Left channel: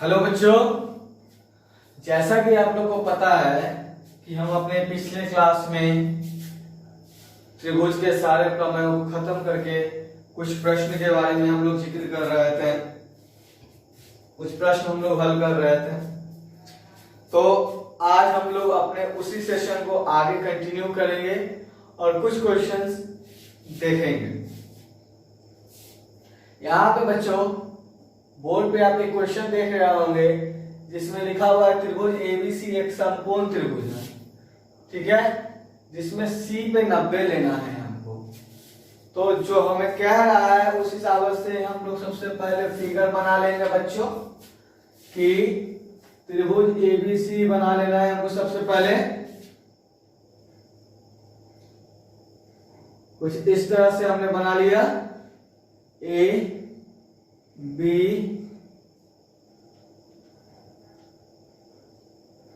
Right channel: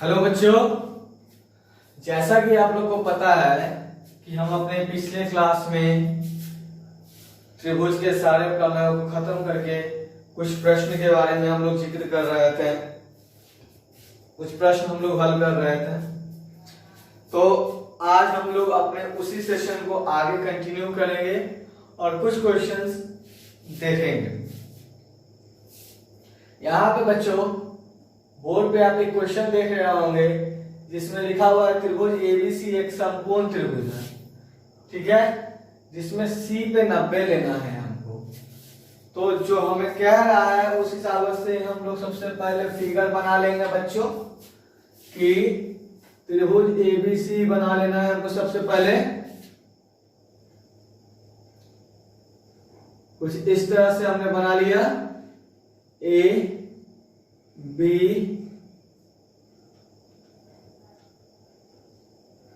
Hello बच्चों, जैसा कि आप लोग को पता है कि हम अपने पिछले क्लास में त्रिभुज के सारे प्रमेयों को खत्म करके कुछ प्रश्न के बारे में हम लोग जिक्र कर रहे थे, कुछ प्रश्न हम लोग हल कर रहे थे। तो आज हम लोग अपने उसी सेशन को आगे कंटिन्यू करेंगे और कुछ क्वेश्चंस देखेंगे। यहाँ पे बच्चों बोर्ड पे आप एक क्वेश्चन देख रहे होंगे जिसमें लिखा हुआ है त्रिभुज एबीसी एक समकोण त्रिभुज है, ठीक है, जिसमें सी पे 90 लेना है हमको। तो जो हमें कह रहा है उस हिसाब से हम लोग सबसे पहले फिगर बना लेंगे बच्चों कि त्रिभुज एबीसी बना लेना है हमको। सबसे पहले कुछ इस तरह से हमने बना लिया, ए बी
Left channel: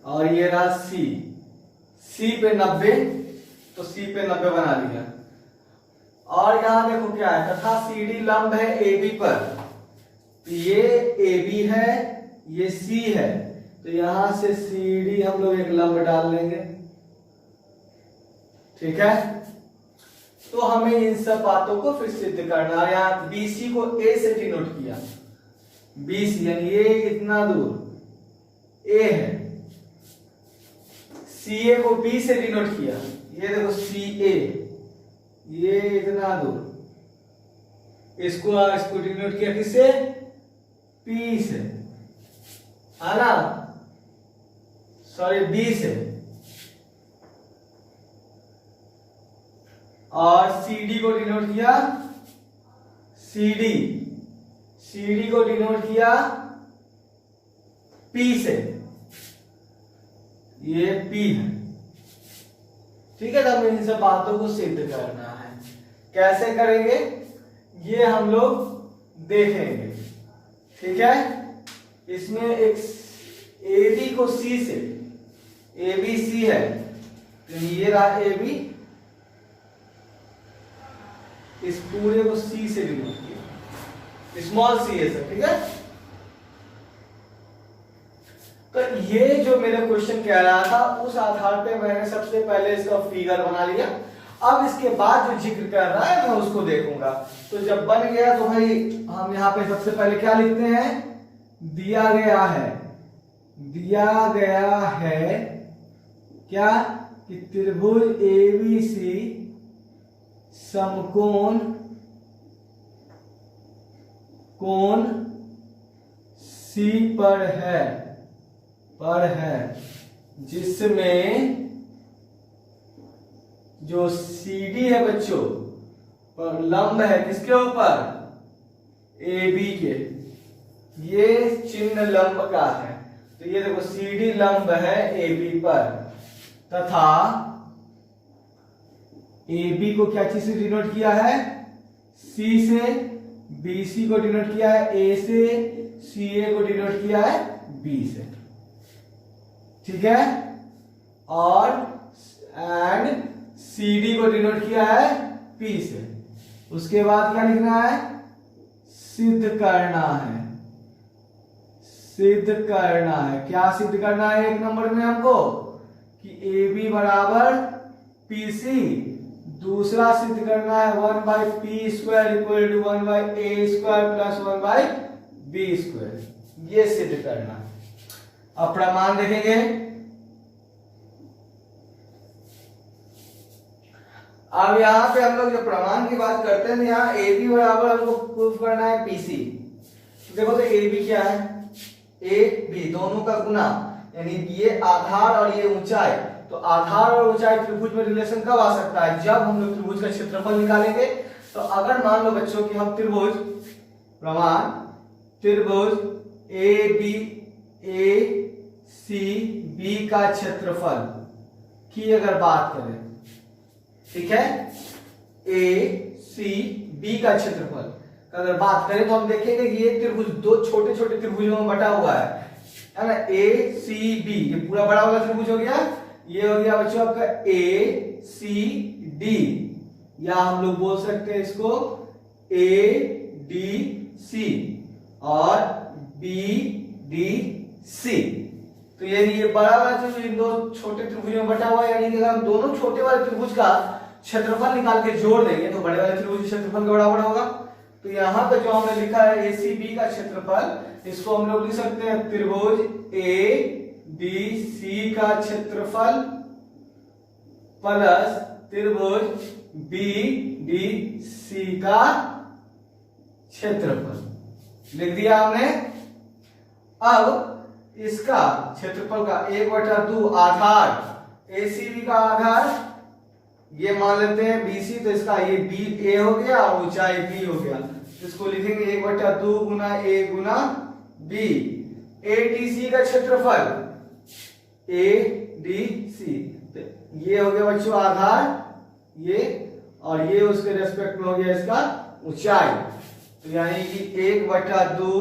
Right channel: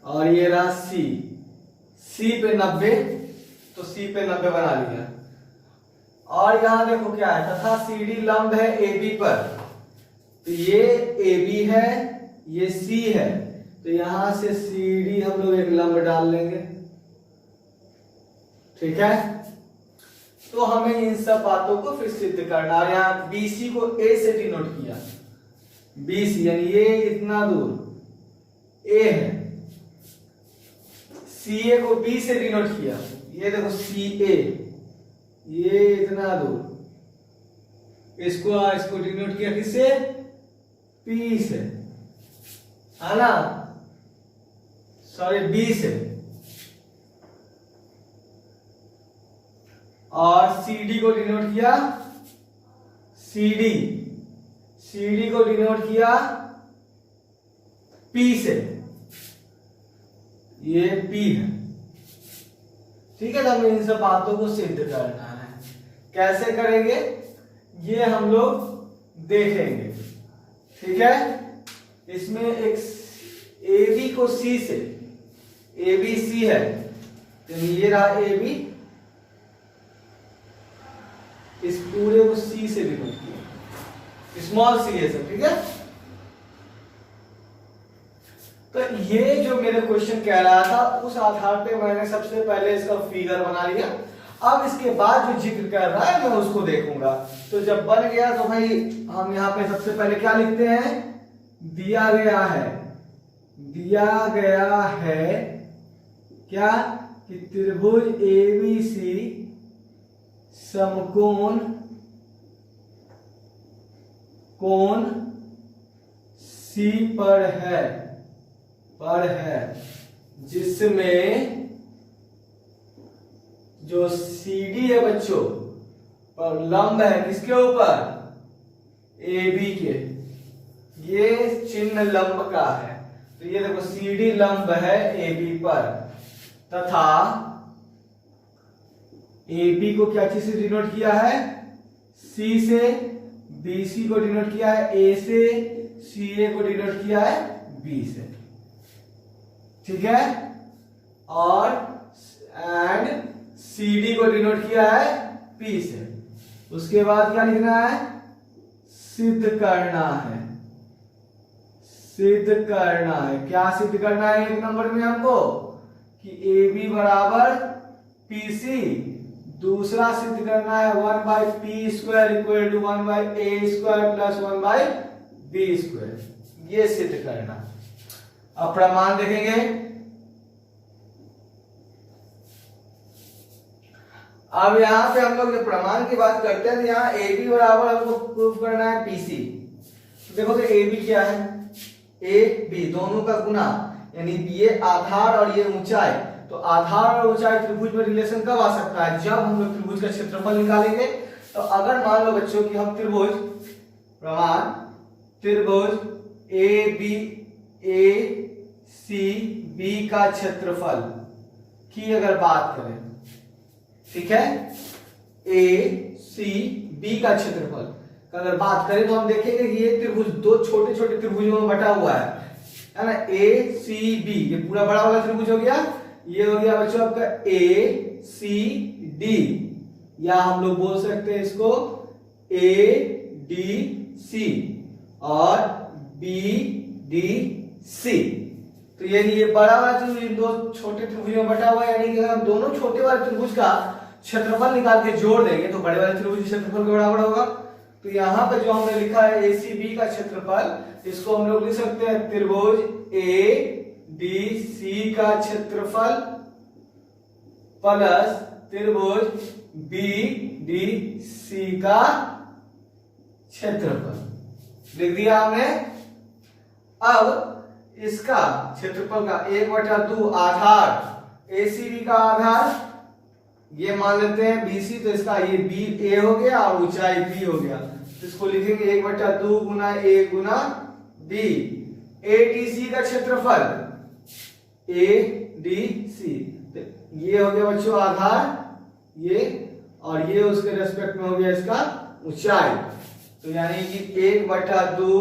और ये रहा सी, सी पे 90, तो सी पे 90 बना लिया। और यहां देखो क्या है, तथा सीडी लंब है एबी पर, तो ये एबी है, ये सी है, तो यहां से सीडी हम लोग एक लंब डाल लेंगे, ठीक है। तो हमें इन सब बातों को फिर सिद्ध करना। और यहाँ बीसी को ए से डिनोट किया, बीसी यानी ये इतना दूर ए है, सीए को बी से डिनोट किया, ये देखो सी ए, ये इतना दूर, इसको डिनोट किया किससे, पी से, है ना, सॉरी बी से। और CD को डिनोट किया, CD को डिनोट किया P से, ये P है, ठीक है। तो हमें इन सब बातों को सिद्ध करना है। कैसे करेंगे ये हम लोग देखेंगे, ठीक है। इसमें एक AB को C से, ABC है, तो ये रहा AB, इस पूरे को सी से डिनोट किया, स्मॉल सी है सर, ठीक है। तो ये जो मेरे क्वेश्चन कह रहा था उस आधार पे मैंने सबसे पहले इसका फिगर बना लिया। अब इसके बाद जो जिक्र कर रहा है मैं उसको देखूंगा। तो जब बन गया तो भाई हम यहाँ पे सबसे पहले क्या लिखते हैं, दिया गया है क्या कि त्रिभुज एबीसी समकोण कोण सी पर है जिसमें जो सीडी है बच्चों पर लंब है किसके ऊपर, AB के, ये चिन्ह लंब का है, तो ये देखो सीडी लंब है AB पर, तथा AB को क्या चीज से डिनोट किया है, C से, BC को डिनोट किया है A से, CA को डिनोट किया है B से, ठीक है। और एंड CD को डिनोट किया है P से। उसके बाद क्या लिखना है, सिद्ध करना है, क्या सिद्ध करना है एक नंबर में हमको कि AB बराबर PC, दूसरा सिद्ध करना है 1/p² equal to 1/a² plus 1/b², ये सिद्ध करना है। अब प्रमाण देखेंगे। अब यहां पे हम लोग जो प्रमाण की बात करते हैं, यहाँ AB बराबर हमको प्रूफ करना है PC। देखो तो AB क्या है, AB दोनों का गुना, यानी ये आधार और ये ऊंचाई, तो आधार और ऊंचाई त्रिभुज में रिलेशन कब आ सकता है, जब हम लोग त्रिभुज का क्षेत्रफल निकालेंगे। तो अगर मान लो बच्चों कि हम त्रिभुज ACB का क्षेत्रफल की अगर बात करें, ठीक है, ACB का क्षेत्रफल अगर बात करें तो हम देखेंगे कि ये त्रिभुज दो छोटे छोटे त्रिभुजों में बटा हुआ है ना, ACB, ये पूरा बड़ा वाला त्रिभुज हो गया, ये हो गया बच्चों आपका ACD, या हम लोग बोल सकते हैं इसको ADC और BD डी सी। तो ये बड़ा वाला त्रिभुज इन दो छोटे त्रिभुज में बटा हुआ है, यानी कि अगर हम दोनों छोटे वाले त्रिभुज का क्षेत्रफल निकाल के जोड़ देंगे तो बड़े वाले त्रिभुज क्षेत्रफल के बराबर होगा। तो यहाँ पे जो हमने लिखा है एसीबी का क्षेत्रफल, इसको हम लोग लिख सकते हैं त्रिभुज ए डी सी का क्षेत्रफल प्लस त्रिभुज बी डी सी का क्षेत्रफल लिख दिया हमने। अब इसका क्षेत्रफल का 1/2 आधार एसीबी का आधार ये मान लेते हैं बीसी, तो इसका ये बी ए हो गया और ऊंचाई बी हो गया, तो इसको लिखेंगे 1/2 गुना ए गुना बी। एडीसी का क्षेत्रफल एडीसी, ये हो गया बच्चों आधार ये, और ये उसके रेस्पेक्ट में हो गया इसका ऊंचाई, तो यानी कि 1/2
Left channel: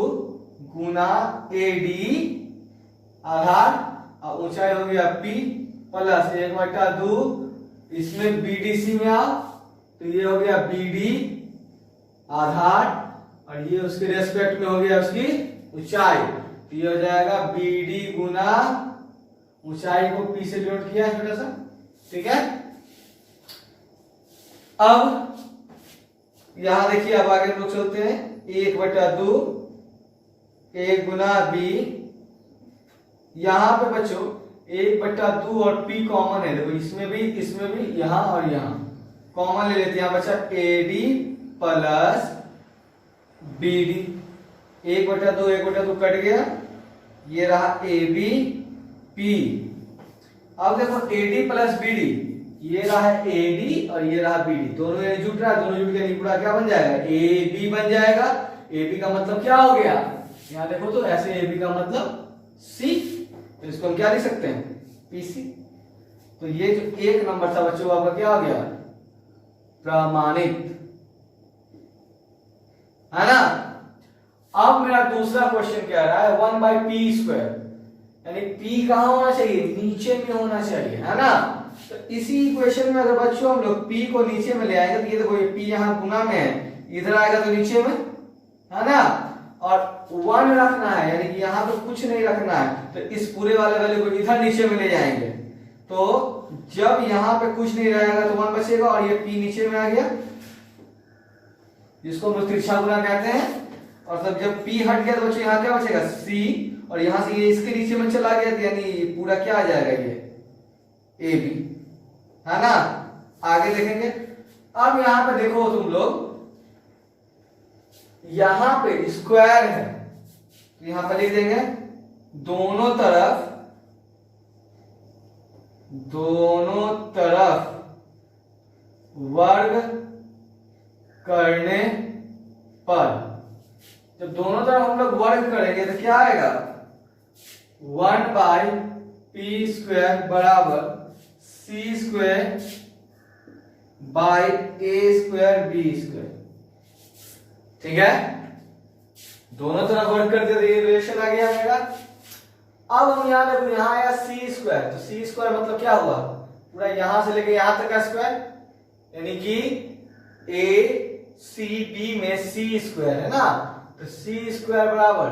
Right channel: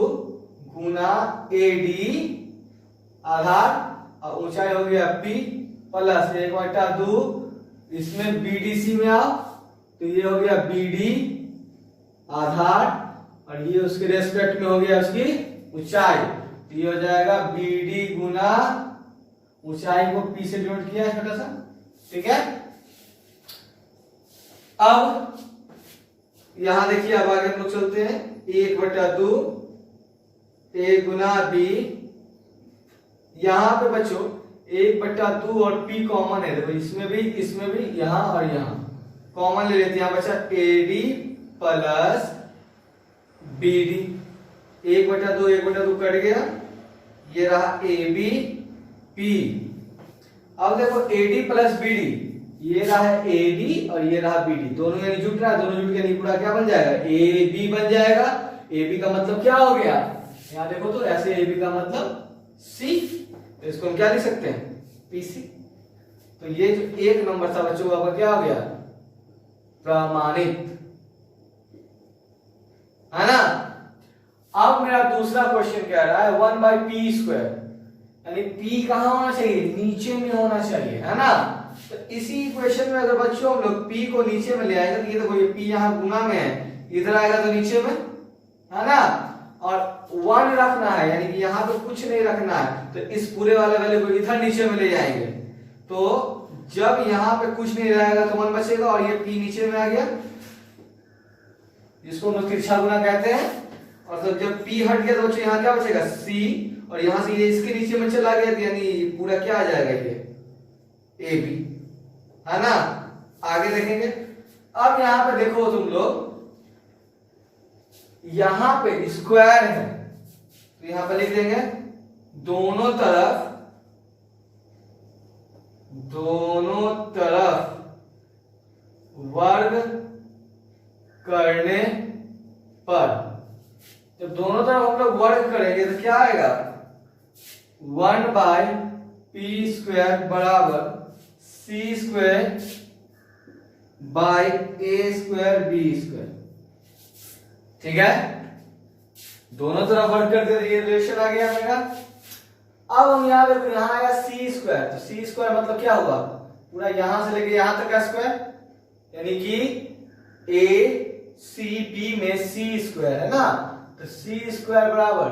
गुना एडी आधार और ऊंचाई हो गया पी प्लस 1/2 इसमें बीडीसी में आओ तो ये हो गया बीडी आधार और ये उसके रेस्पेक्ट में हो गया उसकी ऊंचाई, तो ये हो जाएगा बीडी गुना ऊंचाई को पी से डिनोट किया है छोटा सा, ठीक है। अब यहां देखिए, अब आगे हम लोग चलते हैं 1/2 ए गुना बी। यहां पे बच्चों 1/2 और p कॉमन है, देखो इसमें भी यहां और यहां कॉमन ले लेते हैं, बच्चा एडी प्लस बीडी। 1/2 कट गया, ये रहा AB P। अब देखो AD प्लस BD, ये रहा AD और ये रहा BD, दोनों यानी जुट रहा है, दोनों जुट के नहीं पूरा क्या बन जाएगा AB बन जाएगा। AB का मतलब क्या हो गया, यहां देखो तो ऐसे AB का मतलब C, तो इसको हम क्या लिख सकते हैं PC। तो ये जो एक नंबर था बच्चों आपका क्या हो गया प्रमाणित, है ना। अब मेरा दूसरा क्वेश्चन क्या रहा है 1/p², यानी p कहां होना चाहिए नीचे में होना चाहिए, है ना। तो इसी इक्वेशन में अगर बच्चों हम लोग p को नीचे में ले आएंगे तो ये देखो ये p यहां गुना में है, इधर आएगा तो नीचे में, है ना। और 1 रखना है, यानी कि यहां तो कुछ नहीं रखना है, तो इस पूरे वाले वैल्यू को इधर नीचे में ले जाएंगे, तो जब यहां पे कुछ नहीं रहेगा तो 1 बचेगा और ये p नीचे में आ गया, जिसको हम तिरछा गुना कहते हैं। और जब p हट गया तो बच्चों यहाँ क्या बचेगा c, और यहां से ये इसके नीचे में चला गया, तो यानी पूरा क्या आ जाएगा ये AB, है ना। आगे देखेंगे, अब यहां पे देखो तुम लोग, यहां पे स्क्वायर है तो यहां पे लिख देंगे दोनों तरफ वर्ग करने पर, जब दोनों तरफ हम लोग वर्ग करेंगे तो क्या आएगा 1/p² बराबर c² बाई a² b², ठीक है। दोनों तरफ वर्ग कर दिया, ये रिलेशन आ गया मेरा। अब हम यहां देखो, यहां आएगा c², तो c² मतलब क्या हुआ पूरा यहां से लेके यहां तक का स्क्वायर, यानी कि ACD में c² है ना, तो c² बराबर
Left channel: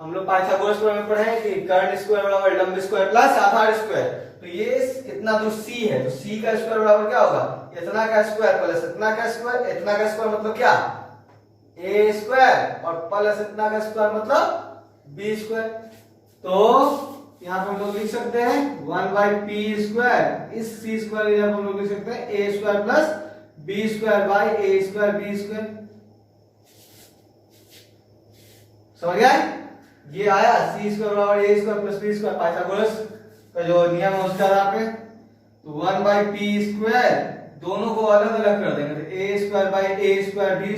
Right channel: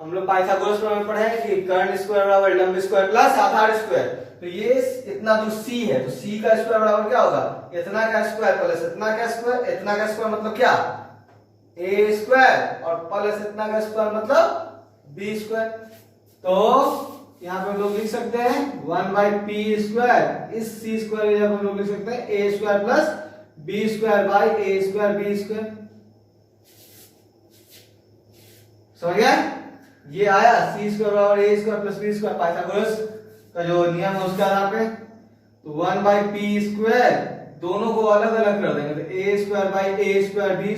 हम लोग पाइथागोरस में पढ़े हैं कि कर्ण स्क्वायर बराबर लंब स्क्वायर प्लस आधार स्क्वायर, तो ये इतना दूर c है, तो c का स्क्वायर बराबर क्या होगा इतना का स्क्वायर प्लस इतना का स्क्वायर, इतना का स्क्वायर मतलब क्या a² और प्लस इतना का स्क्वायर मतलब b²। तो यहां पे हम लोग लिख सकते हैं 1/p², इस c² हम लोग लिख सकते हैं a² plus b² by a² b²। समझ गए, ये आया c² बराबर a² प्लस b², पाइथागोरस का जो नियम है उसका यहाँ पे। तो 1/p², दोनों को अलग अलग कर देंगे, तो a² बाई a² b²,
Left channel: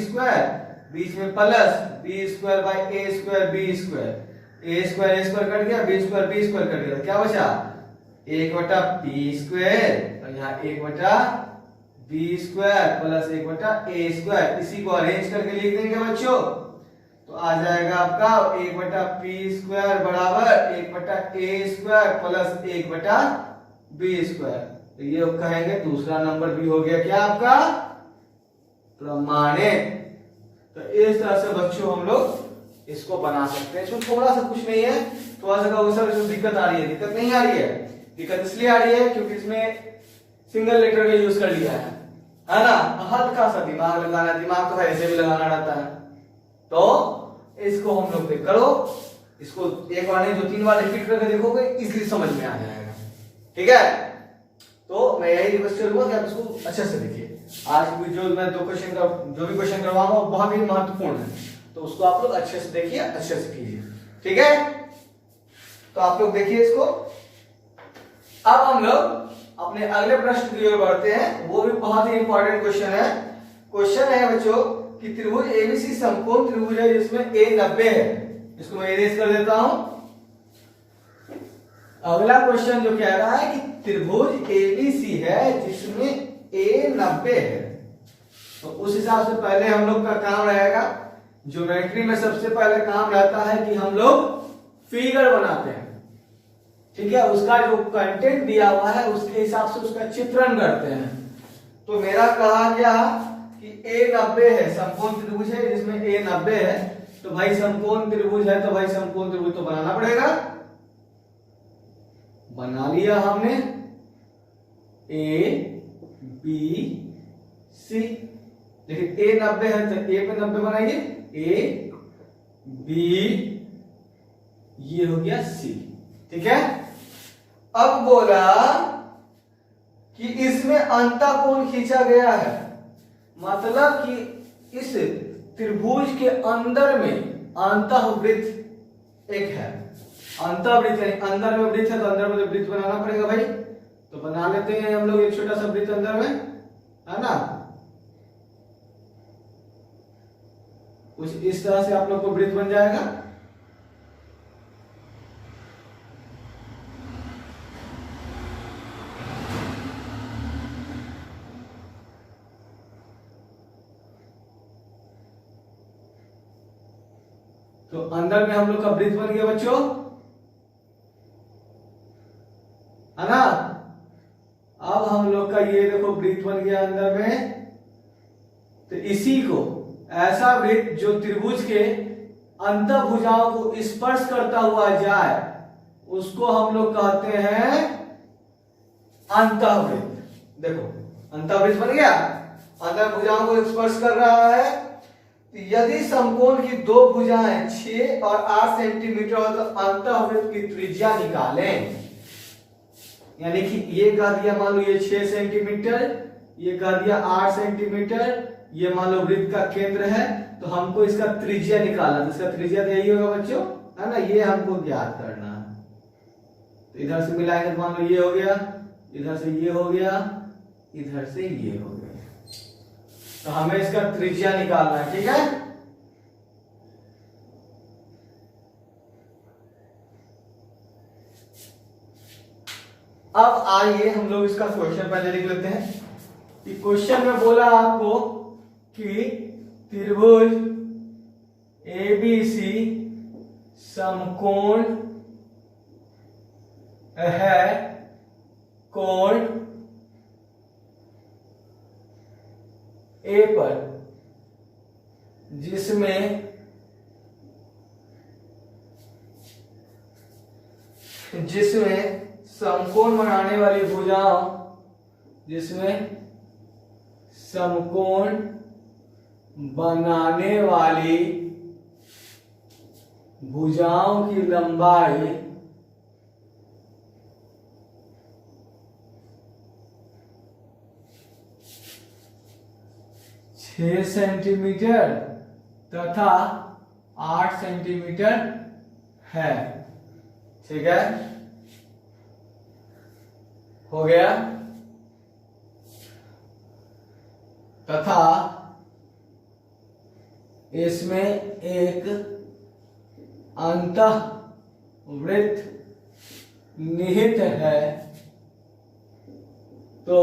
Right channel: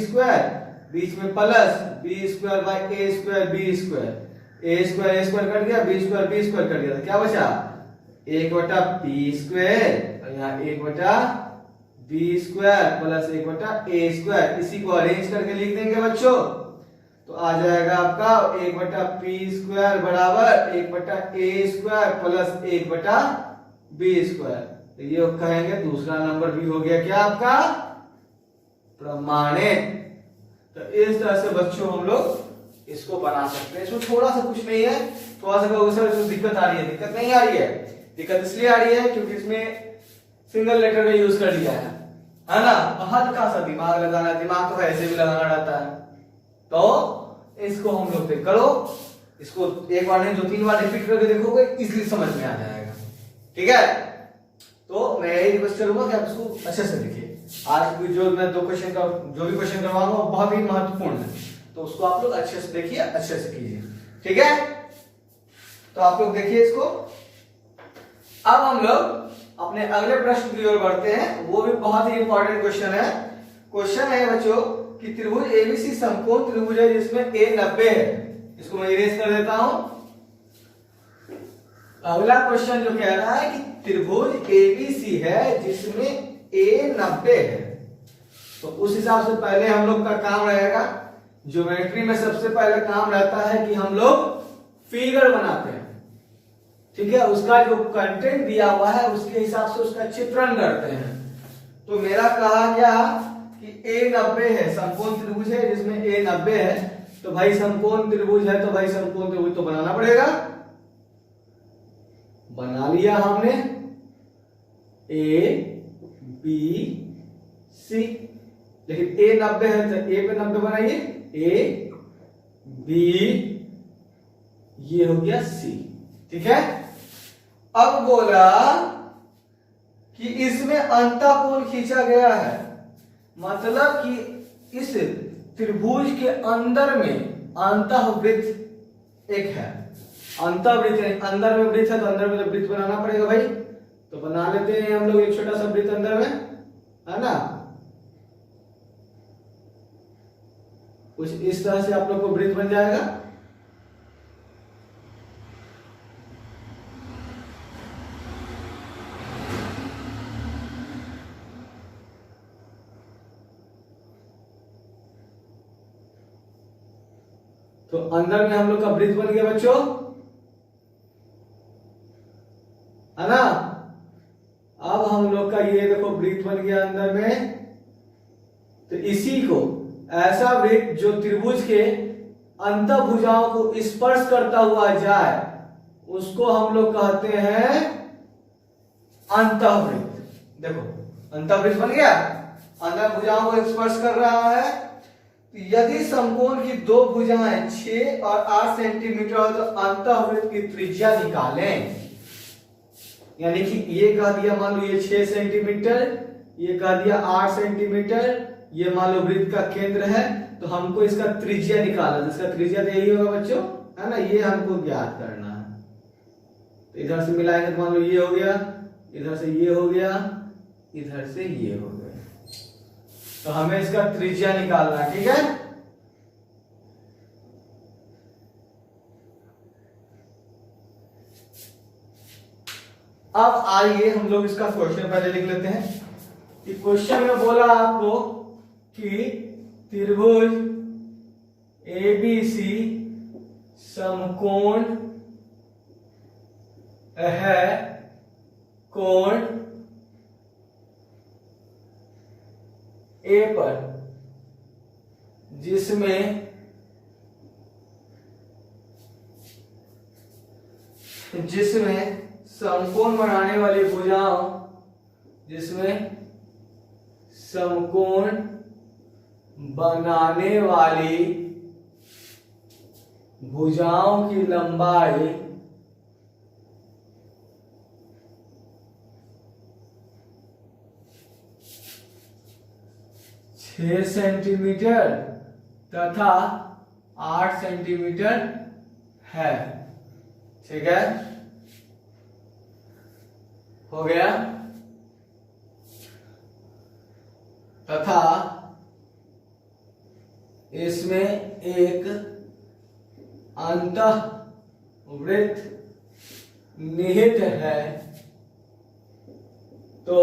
बीच में plus b² by a² b², a² cut गया, b² कट गया, तो क्या बचा 1/p² और यहाँ 1/b² प्लस 1/a², इसी को अरेंज करके लिख देंगे बच्चों, तो आ जाएगा आपका 1/p² बराबर 1/a² प्लस 1/b², तो ये कहेंगे दूसरा नंबर भी हो गया क्या आपका प्रमाणित। तो इस तरह से बच्चों हम लोग इसको बना सकते हैं। इसमें थोड़ा सा कुछ नहीं है, थोड़ा सा कहोगे सर इसमें दिक्कत आ रही है, दिक्कत नहीं आ रही है। दिक्कत इसलिए आ रही है क्योंकि इसमें सिंगल लेटर का यूज कर लिया है ना। हल्का सा दिमाग लगाना है, दिमाग तो ऐसे भी लगाना रहता है। तो इसको हम लोग देख करो, इसको एक बार नहीं 2-3 बार रिपीट करके देखोगे, इजीली समझ में आ जाएगा। ठीक है, तो मैं यही रिक्वेस्ट करूंगा कि आप इसको अच्छे से देखिए। आज भी जो मैं 2 क्वेश्चन का जो भी क्वेश्चन करवाऊंगा वो बहुत ही महत्वपूर्ण है, तो उसको आप लोग अच्छे से देखिए, अच्छे से कीजिए। ठीक है, तो आप लोग देखिए इसको। अब हम लोग अपने अगले प्रश्न की ओर बढ़ते हैं, वो भी बहुत ही इंपॉर्टेंट क्वेश्चन है। क्वेश्चन है बच्चों कि त्रिभुज एबीसी समकोण त्रिभुज है जिसमें a 90 है। इसको मैं इरेज कर देता हूं। अगला क्वेश्चन जो कह रहा है कि त्रिभुज एबीसी है जिसमें a 90 है, तो उस हिसाब से पहले हम लोग का काम रहेगा, ज्योमेट्री में सबसे पहले काम रहता है कि हम लोग फिगर बनाते हैं। ठीक है, उसका जो कंटेंट दिया हुआ है उसके हिसाब से उसका चित्रण करते हैं। तो मेरा कहा गया कि a 90 है, समकोण त्रिभुज है जिसमें a 90 है, तो भाई समकोण त्रिभुज है तो भाई समकोण त्रिभुज तो बनाना पड़ेगा। बना लिया हमने a b c, लेकिन a 90 है तो a पे 90 बनाइए, a b, ये हो गया c। ठीक है, अब बोला कि इसमें अंतःकोण खींचा गया है, मतलब कि इस त्रिभुज के अंदर में अंतःवृत्त एक है। अंतःवृत्त है, अंदर में वृत्त है तो अंदर में तो वृत्त बनाना पड़ेगा भाई। तो बना लेते हैं हम लोग एक छोटा सा वृत्त अंदर में, है ना। कुछ इस तरह से आप लोग को वृत्त बन जाएगा। तो अंदर में हम लोग का वृत्त बन गया बच्चों, है ना। अब हम लोग का ये देखो वृत्त बन गया अंदर में। तो इसी को ऐसा वृत्त जो त्रिभुज के अंतःभुजाओं को स्पर्श करता हुआ जाए उसको हम लोग कहते हैं अंतःवृत्त। देखो अंतःवृत्त बन गया, अंतःभुजाओं को स्पर्श कर रहा है। यदि समकोण की 2 भुजाएं 6 और 8 सेंटीमीटर हो तो अंतःवृत्त की त्रिज्या निकालें। यानी कि ये कह दिया मान लो ये 6 सेंटीमीटर, ये कह दिया 8 सेंटीमीटर, ये मान लो वृत्त का केंद्र है, तो हमको इसका त्रिज्या निकालना। इसका त्रिज्या तो यही होगा बच्चों, है ना, ये हमको ज्ञात करना है। तो इधर से मिलाएंगे तो मान लो ये हो गया, इधर से ये हो गया, इधर से ये हो गया, तो हमें इसका त्रिज्या निकालना है। ठीक है, अब आइए हम लोग इसका क्वेश्चन पहले लिख लेते हैं। क्वेश्चन में बोला आपको कि त्रिभुज एबीसी समकोण है कोण ए पर जिसमें समकोण बनाने वाली भुजाओं, जिसमें समकोण बनाने वाली भुजाओं की लंबाई 6 सेंटीमीटर तथा 8 सेंटीमीटर है। ठीक है, हो गया। तथा इसमें एक अंतःवृत्त निहित है, तो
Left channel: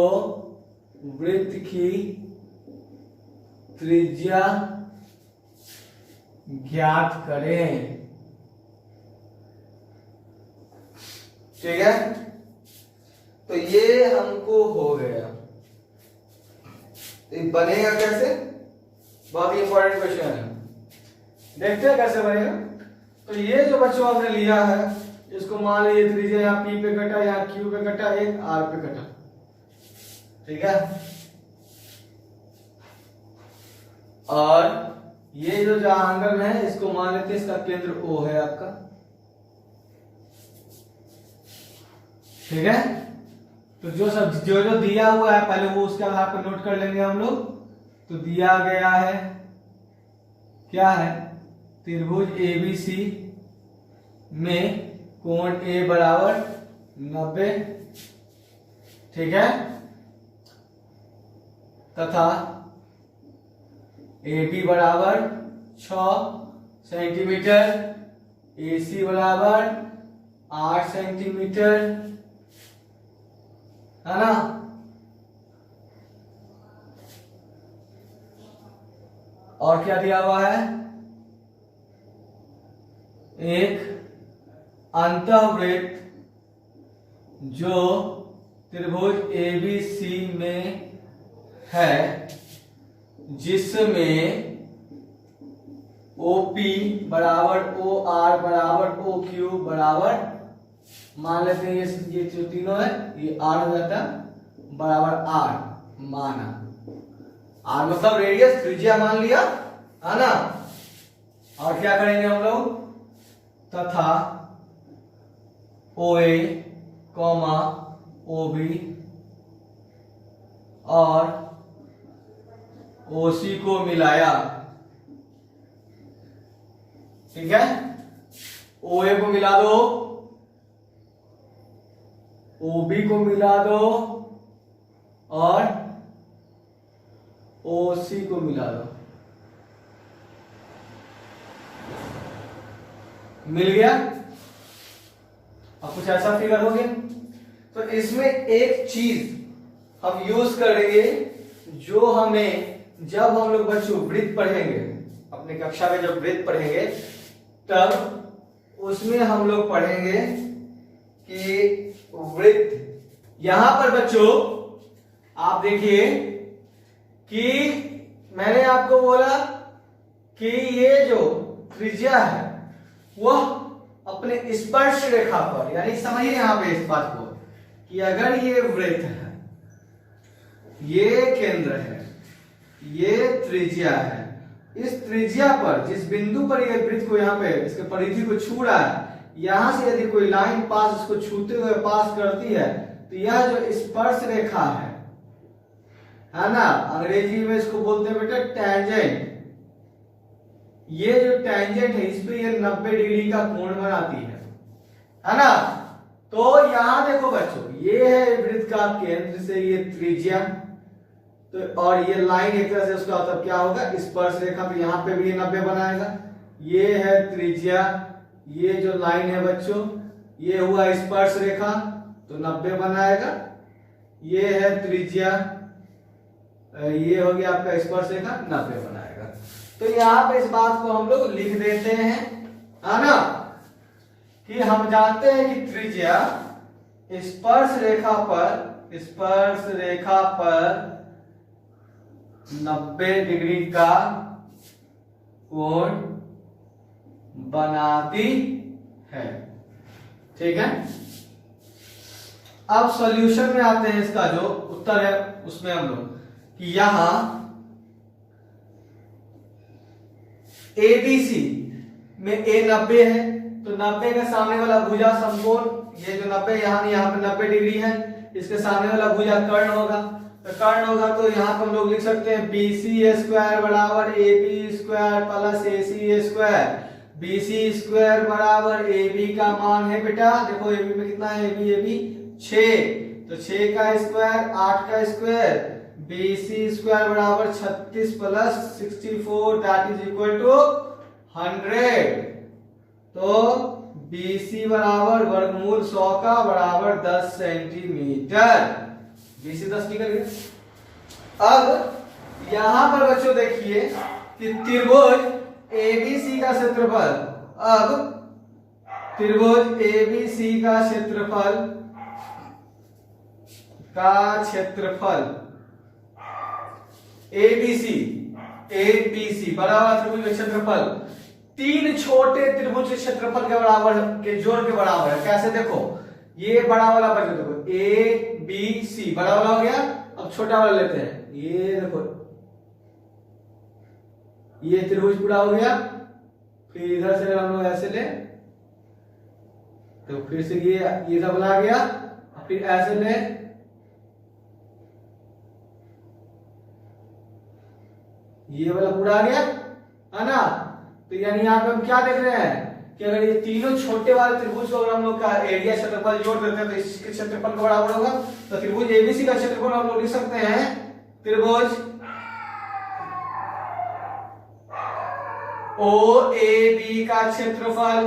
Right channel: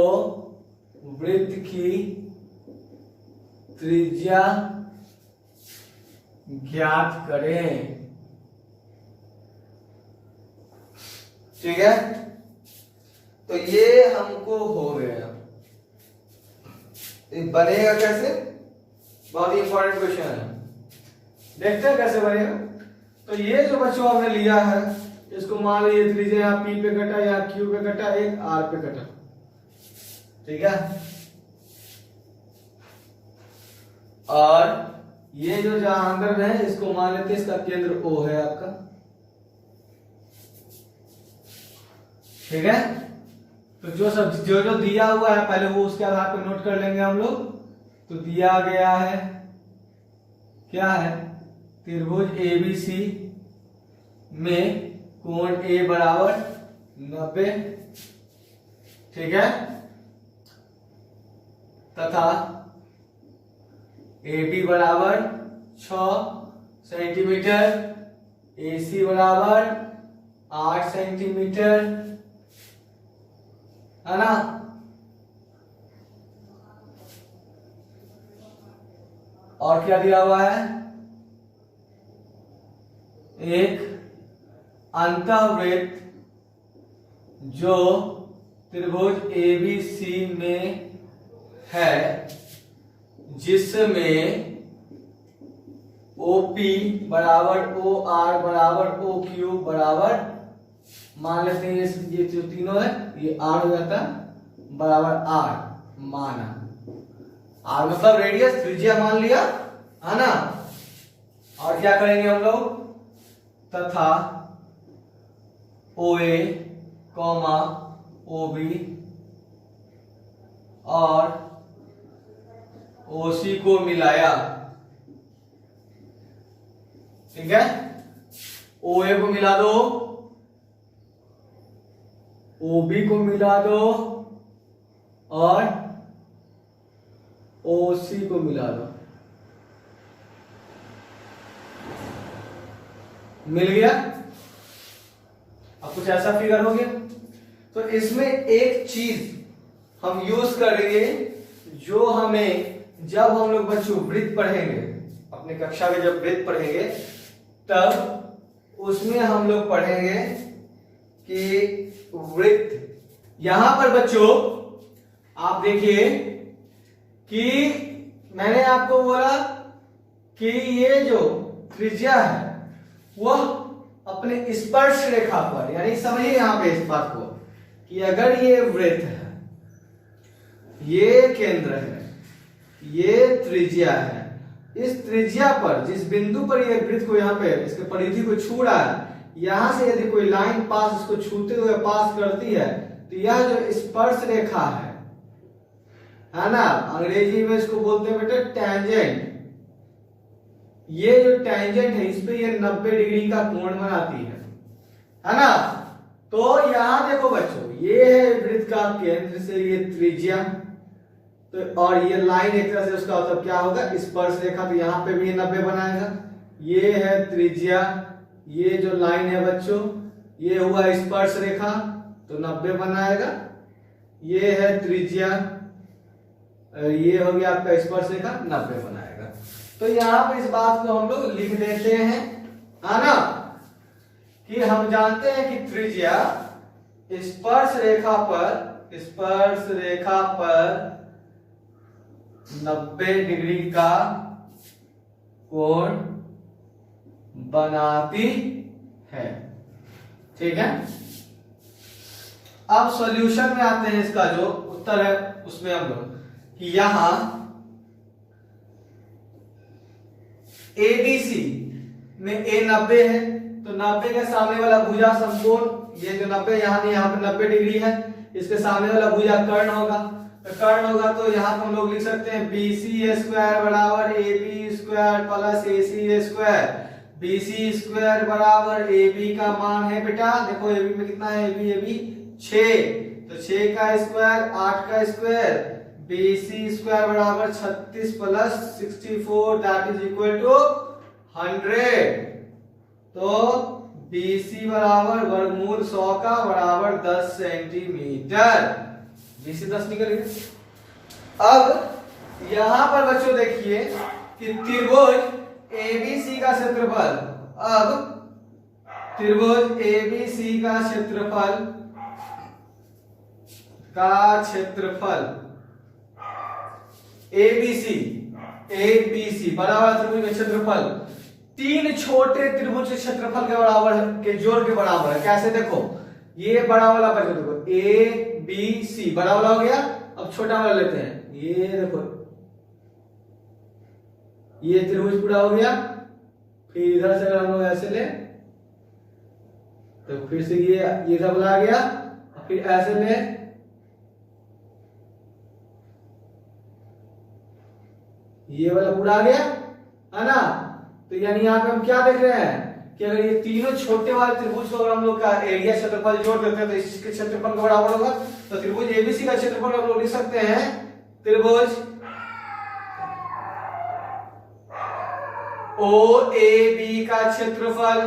वृत्त की त्रिज्या ज्ञात करें। ठीक है, तो ये हमको हो गया। बनेगा कैसे, बहुत ही इंपॉर्टेंट क्वेश्चन है। देखते हैं कैसे बनेगा। तो ये जो बच्चों हमने लिया है इसको मान लीजिए त्रिज्या यहाँ P पे कटा, यहाँ Q पे कटा, एक R पे कटा, ठीक है। और ये जो जहां है इसको मान लेते हैं इसका केंद्र O है आपका, ठीक है। तो जो दिया हुआ है पहले वो उसके आधार पर नोट कर लेंगे हम लोग। तो दिया गया है क्या है, त्रिभुज ABC में कोण A बराबर 90, ठीक है, तथा AB बराबर 6 सेंटीमीटर, AC बराबर 8 सेंटीमीटर, है ना। और क्या दिया हुआ है, एक अंतःवृत्त जो त्रिभुज ABC में है जिसमें OP बराबर OR बराबर OQ बराबर, मान लेते हैं ये जो तीनों है ये R हो जाता है बराबर R माना, R मतलब रेडियस, त्रिज्या मान लिया, है ना। और क्या करेंगे हम लोग, तथा OA, OB और OC को मिलाया, ठीक है। OA को मिला दो, OB को मिला दो और OC को मिला दो, मिल गया। अब कुछ ऐसा फिगर हो गया। तो इसमें एक चीज हम यूज करेंगे जो हमें जब हम लोग बच्चों वृत्त पढ़ेंगे अपनी कक्षा में, जब वृत्त पढ़ेंगे तब उसमें हम लोग पढ़ेंगे कि वृत्त, यहां पर बच्चों आप देखिए कि मैंने आपको बोला कि ये जो त्रिज्या है वह अपने स्पर्श रेखा पर, यानी समझिए यहां पे इस बात को कि अगर ये वृत्त है, ये केंद्र है, ये त्रिज्या है, इस त्रिज्या पर जिस बिंदु पर ये वृत्त को यहाँ पे इसके परिधि को छू रहा है, यहां से यदि कोई लाइन पास इसको छूते हुए पास करती है तो यह जो स्पर्श रेखा है ना, अंग्रेजी में इसको बोलते हैं बेटा टैंजेंट। ये जो टैंजेंट है इस पे ये 90 डिग्री का कोण बनाती है ना। तो यहां देखो बच्चों, ये है वृत्त का केंद्र से ये त्रिज्या, तो और ये लाइन एक तरह से उसका मतलब क्या होगा, स्पर्श रेखा, तो यहां पे भी ये 90 बनाएगा। ये है त्रिज्या, ये जो लाइन है बच्चों ये हुआ स्पर्श रेखा तो 90 बनाएगा। ये है त्रिज्या, ये हो गया आपका स्पर्श रेखा, 90 बनाएगा। तो यहां पे इस बात को हम लोग लिख देते हैं, है ना, कि हम जानते हैं कि त्रिज्या स्पर्श रेखा पर 90 डिग्री का कोण बनाती है, ठीक है। अब सॉल्यूशन में आते हैं, इसका जो उत्तर है उसमें हम लोग कि यहां ABC में A 90 है तो 90 के सामने वाला भुजा समकोण, ये जो 90 यहाँ पे 90 डिग्री है, इसके सामने वाला भुजा कर्ण होगा, तो कर्ण होगा तो यहाँ पे हम लोग लिख सकते हैं BC स्क्वायर बराबर AB square plus AC square. BC square बराबर AB का मान है बेटा, देखो AB में कितना है, AB 6, तो 6 का स्क्वायर 8 का स्क्वायर, BC स्क्वायर बराबर 36 plus 64 that is equal to 100। तो BC बराबर वर्गमूल 100 का बराबर 10 सेंटीमीटर, BC 10 निकल गया। अब यहां पर बच्चों देखिए कि त्रिभुज ABC का क्षेत्रफल, अब त्रिभुज ABC का क्षेत्रफल ABC बराबर त्रिभुज में क्षेत्रफल तीन छोटे त्रिभुज के क्षेत्रफल के बराबर के जोड़ के बराबर है। कैसे देखो, ये बड़ा वाला बचा, देखो ए बी सी बड़ा वाला हो गया। अब छोटा वाला लेते हैं, ये देखो ये त्रिभुज पूरा हो गया। फिर इधर से हम लोग ऐसे ले तो फिर से ये सब आ गया, फिर ऐसे ले, ये वाला पूरा आ गया है ना। तो यानी यहाँ पे हम क्या देख रहे हैं कि अगर ये तीनों छोटे वाले त्रिभुज को अगर हम लोग का एरिया क्षेत्रफल जोड़ देते हैं तो इसके क्षेत्रफल का बराबर होगा। तो त्रिभुज एबीसी का क्षेत्रफल हम लोग लिख सकते हैं त्रिभुज ओ ए बी का क्षेत्रफल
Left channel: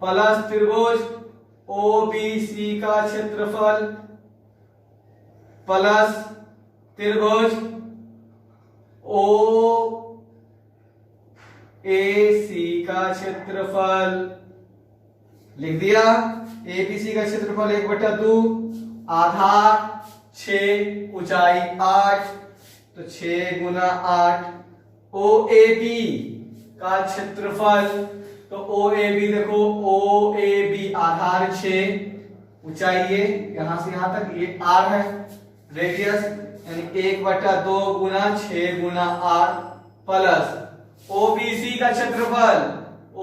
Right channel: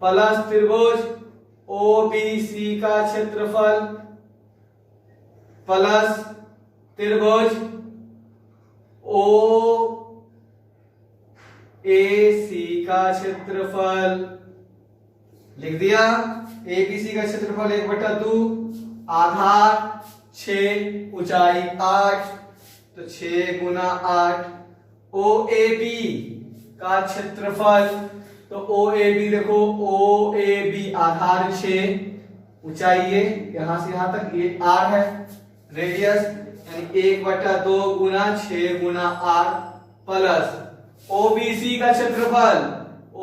प्लस त्रिभुज ओ बी सी का क्षेत्रफल प्लस त्रिभुज ओ ए सी का क्षेत्रफल। लिख दिया। ए बी सी का क्षेत्रफल 1/2, आधार 6, ऊंचाई 8, तो 6 गुना 8। ओ ए बी का क्षेत्रफल, तो ओ ए बी देखो, ओ ए बी आधार 6, ऊंचाई ये यहां से यहां तक ये r है, रेडियस यानी 1/2 गुना 6 गुना r प्लस ओबीसी का क्षेत्रफल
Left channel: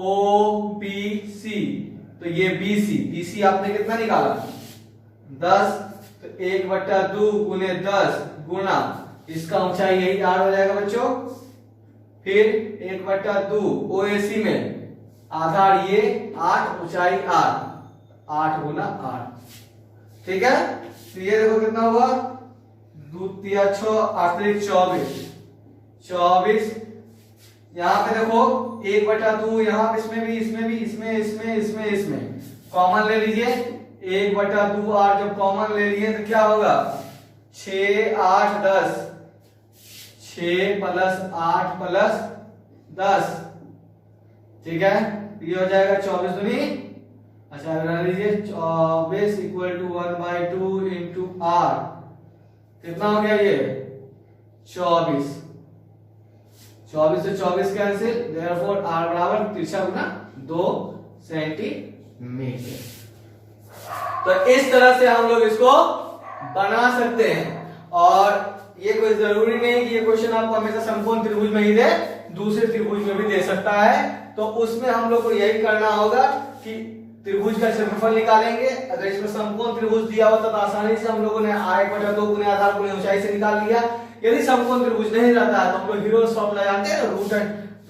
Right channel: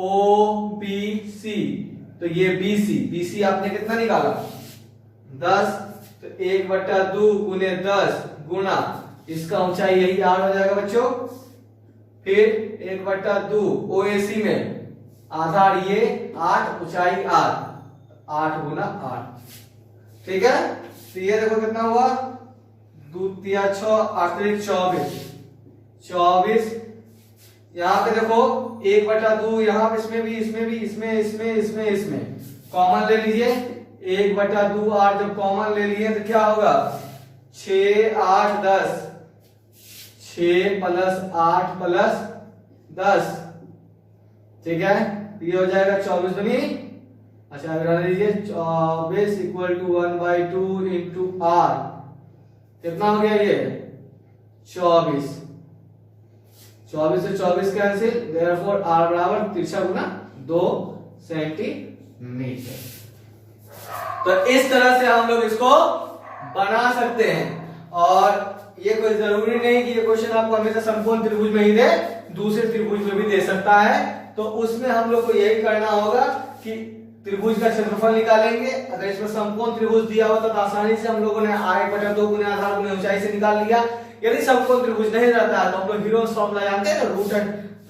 ओबीसी, तो ये बीसी, बीसी आपने कितना निकाला 10, तो 1/2 गुने 10 गुना इसका ऊंचाई यही r हो जाएगा बच्चों। फिर 1/2 ओएसी में आधार ये 8, ऊंचाई r, 8 गुना 8, ठीक है। तो ये देखो कितना हुआ, 2 3 6 8 24, 24। यहाँ पे देखो 1/2, यहाँ पे इसमें भी इसमें कॉमन ले लीजिए। 1/2 और जब कॉमन ले लिए तो क्या होगा 6 8 10, 6 + 8 + 10, ठीक है। ये हो जाएगा 24 दूनी, अच्छा बना लीजिए 24 = 1/2 इंटू r, कितना हो गया ये 24, 24 से 24 कैंसिल, देयरफॉर r बराबर तिरछा गुना 2 सेंटीमीटर। तो इस तरह से हम लोग इसको बना सकते हैं। और ये कोई जरूरी नहीं कि ये क्वेश्चन आपको हमेशा समकोण त्रिभुज में ही दे, दूसरे त्रिभुज में भी दे सकता है। तो उसमें हम लोग को यही करना होगा कि त्रिभुज का क्षेत्रफल निकालेंगे। अगर इसमें समकोण त्रिभुज दिया होता तो आसानी से हम लोगों ने 1/2 गुने आधार गुने ऊंचाई से निकाल लिया। यदि समकोण त्रिभुज नहीं रहता है तो हम लोग हीरोज फॉर्मूला जानते हैं ना,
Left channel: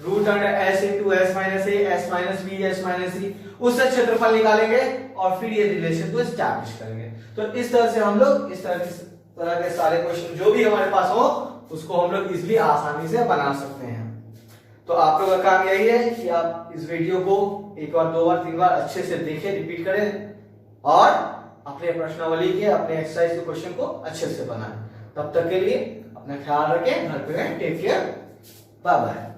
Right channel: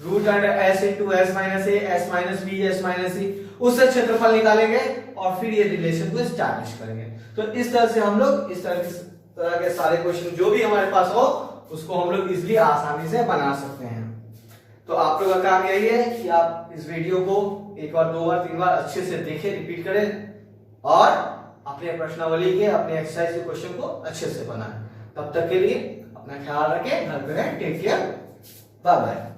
root under s into s minus a, s minus b, s minus c, उससे क्षेत्रफल निकालेंगे और फिर ये रिलेशन को एस्टैब्लिश करेंगे। तो इस तरह से हम लोग इस तरह के सारे क्वेश्चन जो भी हमारे पास हो उसको हम लोग इजिली आसानी से बना सकते हैं। तो आप लोगों का काम यही है कि आप इस वीडियो को एक बार, 2 बार, 3 बार अच्छे से देखें, रिपीट करें और अपने प्रश्नावली के, अपने एक्सरसाइज के क्वेश्चन को अच्छे से बनाएं। तब तक के लिए अपना ख्याल रखें, घर पे रहें, टेक केयर, बाय बाय।